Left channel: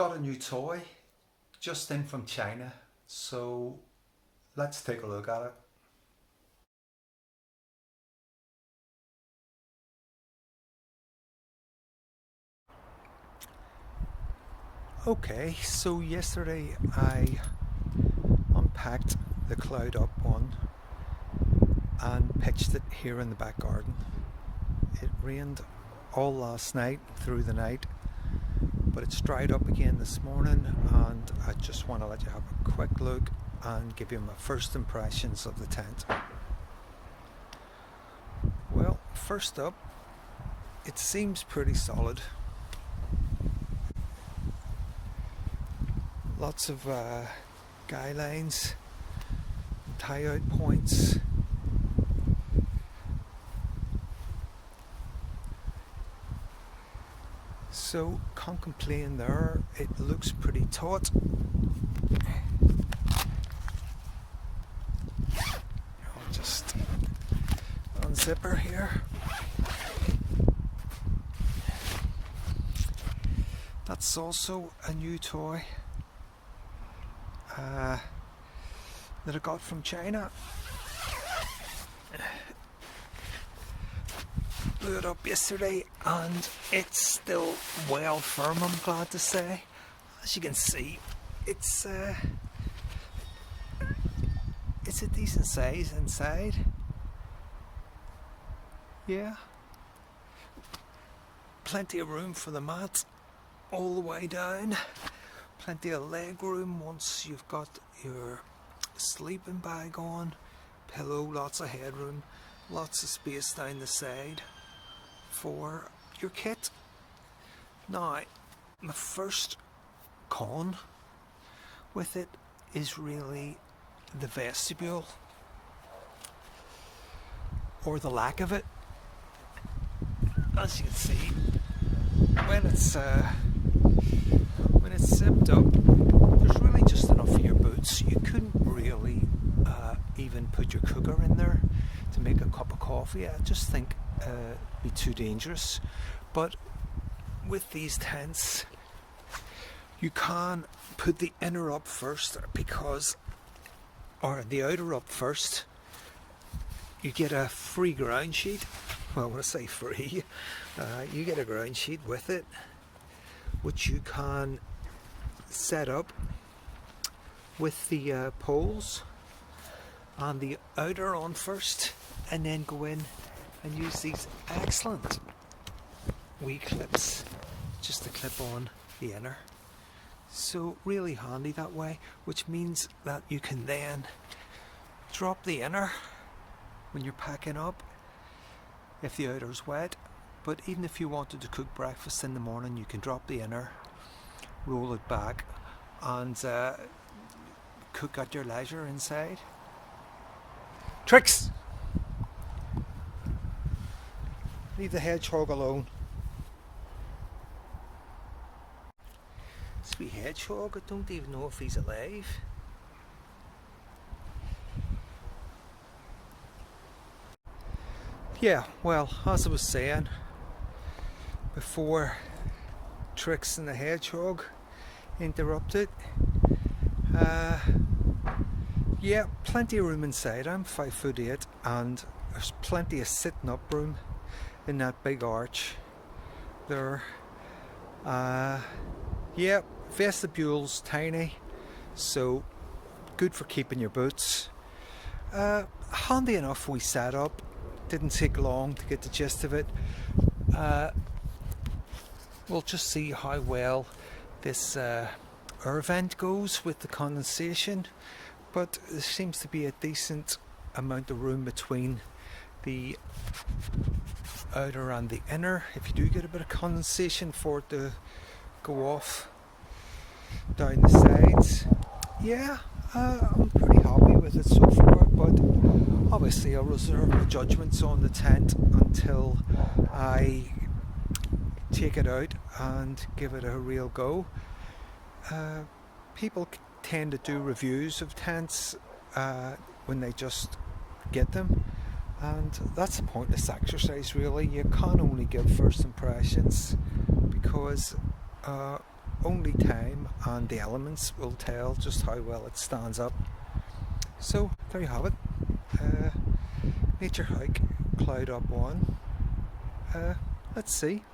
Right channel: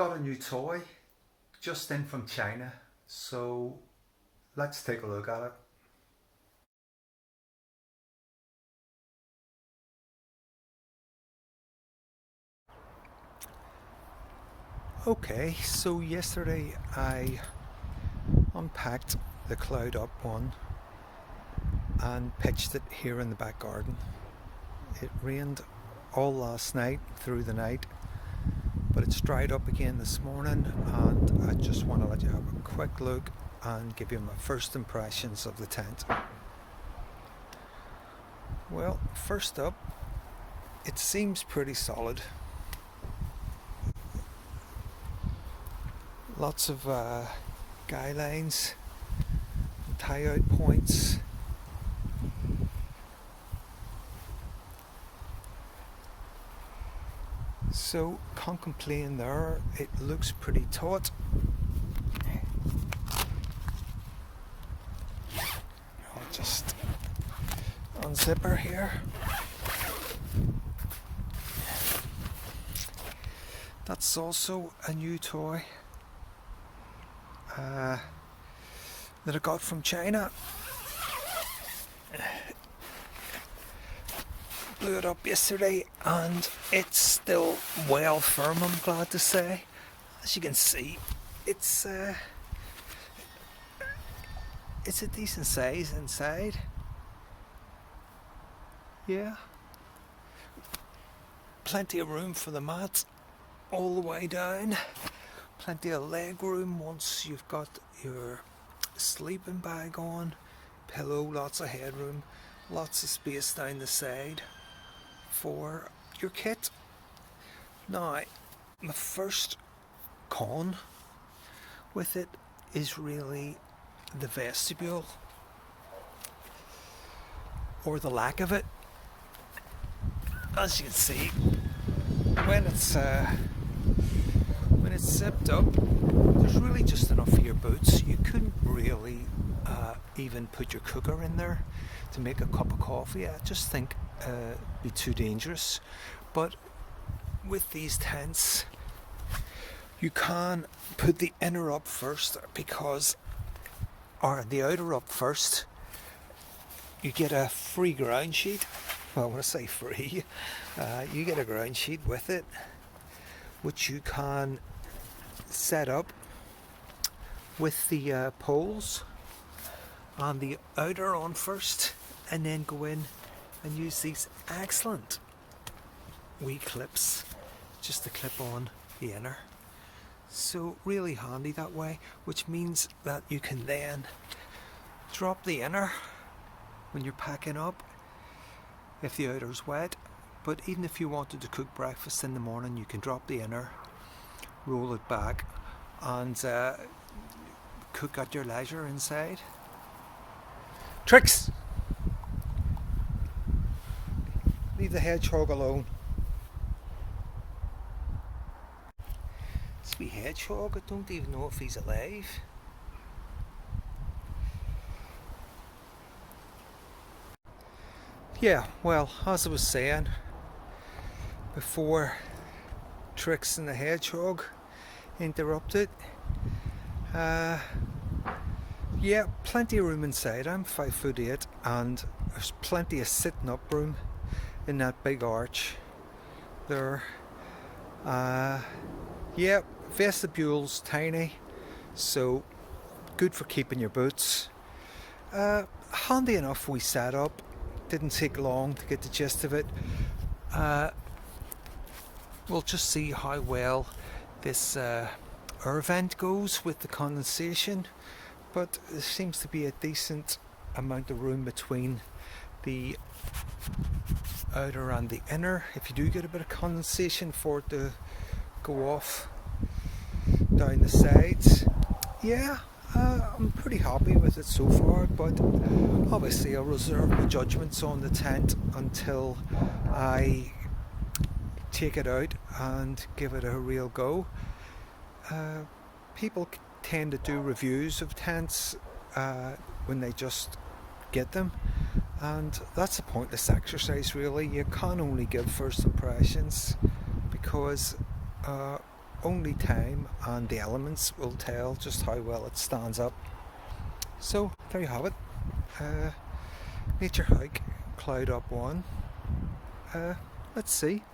Got a new toy just in from China, so let's take a look at it. Okay, so yesterday I unpacked the Cloud Up one and pitched it here in the back garden. It rained all last night through the night, but it's dried up again this morning, and I just want to let you have a quick look and give you my first impressions of the tent. Well, first up, it seems pretty solid. Lots of guy lines and tie out points. So can't complain there, it looks pretty taut. I'll just unzip her here. That's also a new toy that I got from China. Blew it up yesterday and it's still well firm, I'm glad to say. As you can see, it's a decent size inside. Yeah, plenty of room for the mat all the way down. Plenty of leg room once you've got your sleeping bag on. Pillow, lots of headroom, lots of space down the side for your kit. Now, my first con with it is really the vestibule, or the lack of it. As you can see, when it's zipped up, there's really just enough for your boots. You couldn't really even put your cooker in there to make a cup of coffee. I just think it'd be too dangerous. But with these tents, you can put the inner up first, or the outer up first. You get a free ground sheet. Well, when I say free, you get a ground sheet with it, which you can set up with the poles and the outer on first, and then go in and use these excellent wee clips just to clip on the inner. So really handy that way, which means that you can then drop the inner when you're packing up if the outer's wet. But even if you wanted to cook breakfast in the morning, you can drop the inner, roll it back, and cook at your leisure inside. Tricks! Leave the hedgehog alone. This wee hedgehog, I don't even know if he's alive. Yeah, well, as I was saying before Tricks and the hedgehog interrupted, yeah, plenty of room inside. I'm 5'8", and there's plenty of sitting up room in that big arch there. Yeah, vestibule's tiny, so good for keeping your boots. Handy enough we set up. Didn't take long to get the gist of it. We'll just see how well this air vent goes with the condensation, but there seems to be a decent amount of room between the outer and the inner if you do get a bit of condensation for it to go off down the sides. Yeah, I'm pretty happy with it so far, but obviously I'll reserve my judgments on the tent until I take it out and give it a real go. People tend to do reviews of tents when they just get them, and that's a pointless exercise really. You can only give first impressions because only time and the elements will tell just how well it stands up. So there you have it. Naturehike Cloud up 1. Let's see.